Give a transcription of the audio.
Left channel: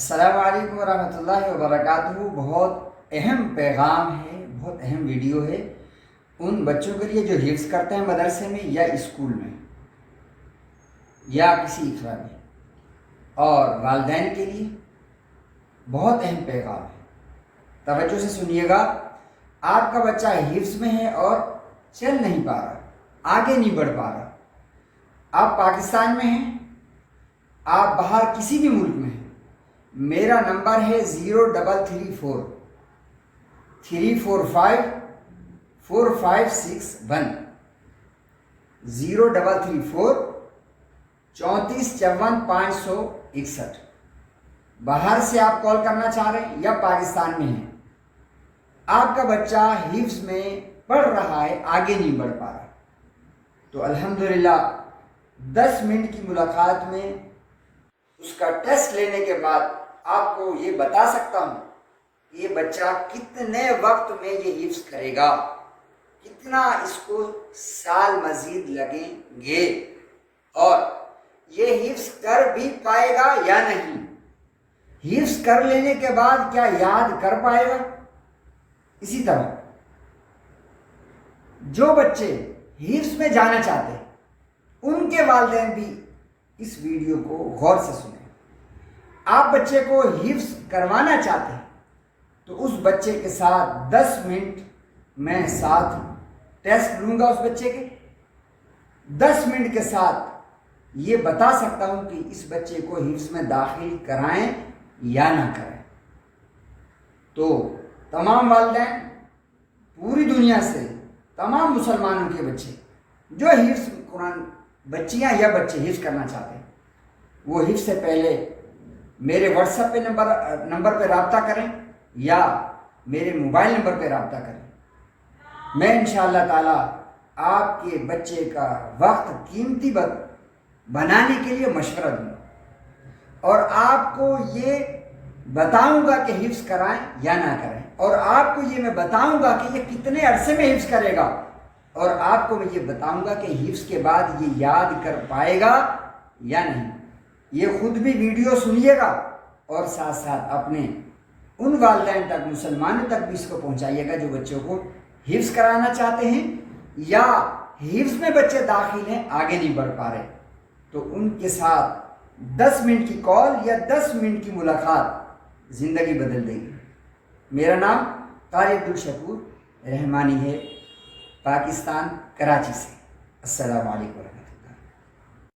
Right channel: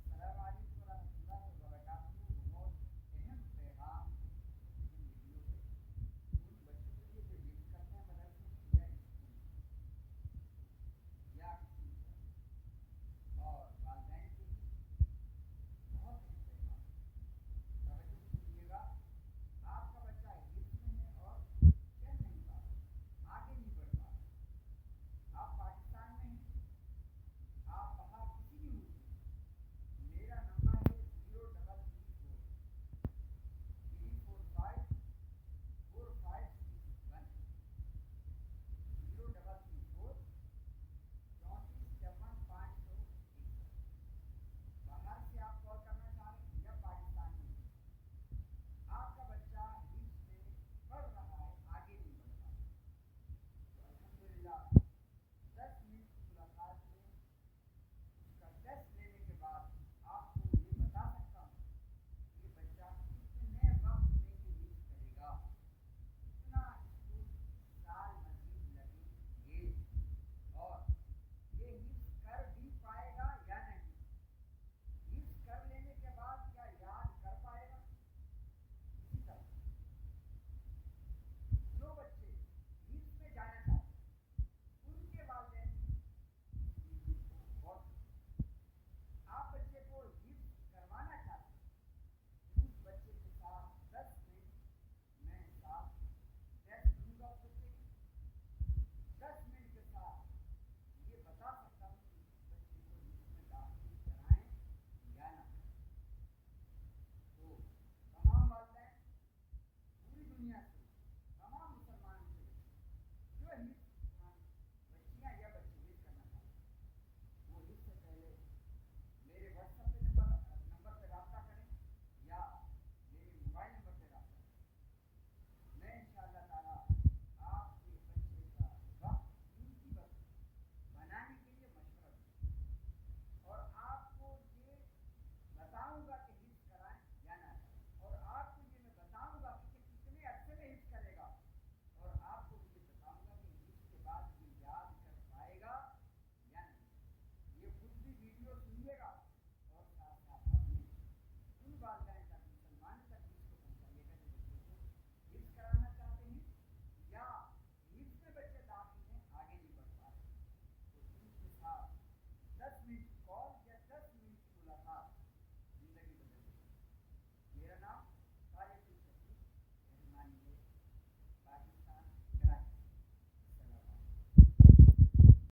السلام علیکم ورحمۃ اللہ وبرکاتہ۔ بہت اہم پیغام ہے، بہت اہم ویڈیو ہے ان بچوں کے لیے جو حفظ کرتے ہیں مدرسے میں یا اسکول میں یا کسی اخراج میں، اور والدین کے لیے بہت اہم پیغام ہے۔ توجہ سے سنیے گا۔ آپ کا بچہ حفظ میں ہے اور چل نہیں پا رہا، آگے نہیں بڑھ پا رہا۔ آپ پاکستان میں ہیں، آپ باہر کسی بھی ملک میں ہیں، میرا نمبر ہے 0334 345 4561 0334 3454 561۔ باہر سے آپ کال کرنا چاہ رہے ہیں یا پاکستان میں ہیں، آپ کا بچہ حفظ میں پڑھ رہا ہے، آگے نہیں بڑھ پا رہا، تو الحمدللہ 10 منٹ کی ملاقات میں اس کا ٹیسٹ لینے کے بعد آپ کو یہ بتا سکتا ہوں کہ یہ بچہ کتنے وقت میں یہ حفظ کرے گا، کتنا اس کو سال مزید لگیں گے، اور یہ حفظ کر بھی پائے گا یا نہیں، حفظ کر لینے کے بعد کیا یاد کر پائے گا۔ اسی طرح جو بچے حفظ میں جانا چاہتے ہیں ان کے والدین بھی اس ویڈیو کو غور سے سنیں۔ آپ بچے کو حفظ کروانا چاہتے ہیں تو اس بچے کے ساتھ 10 منٹ میں ساتھ ٹیسٹ لوں گا، اس بچے کے 10 منٹ کے ساتھ یہ بتا سکتا ہوں کہ اس بچے کو حفظ میں داخل کرائیں یا نہ کریں۔ تو تمام والدین پوری دنیا سے، تمام مسلمانوں کے بچے جو حفظ قرآن، بچیاں یا بچے حفظ کرنا چاہتے ہیں، وہ حفظ سے پہلے میرے واٹس ایپ پہ نمبر پہ رابطہ کریں یا میرے موبائل نمبر پہ رابطہ کریں۔ میں انشاءاللہ تعالی آپ کے بچے کا وقت قیمتی بنانے کے لیے مشورہ دوں گا، اور آپ کو یہ بتاؤں گا کہ حفظ کرائیں یا نہ کریں، اور آپ کو یہ میں بتاؤں گا کہ یہ کتنے عرصے میں حفظ کرے گا، اور آپ کو میں یہ بتاؤں گا کہ حفظ کے بعد یہ یاد کر پائے گا یا نہیں۔ یہ خود بھی ویڈیو سنیے گا اور ساتھ ساتھ اپنے ان والدین تک، مسلمانوں تک بھی اس کو پہنچائیے گا جو بچوں کو حفظ کرانا چاہتے ہیں یا حفظ میں بچے داخل ہیں، آگے نہیں بڑھ پا رہے، تو ان کے ساتھ 10 منٹ کی کال یا 10 منٹ کی ملاقات زندگی بدل دے گی۔ میرا نام قاری عبدالشکور رحمانی ہے، پاکستان کراچی سے۔ السلام علیکم۔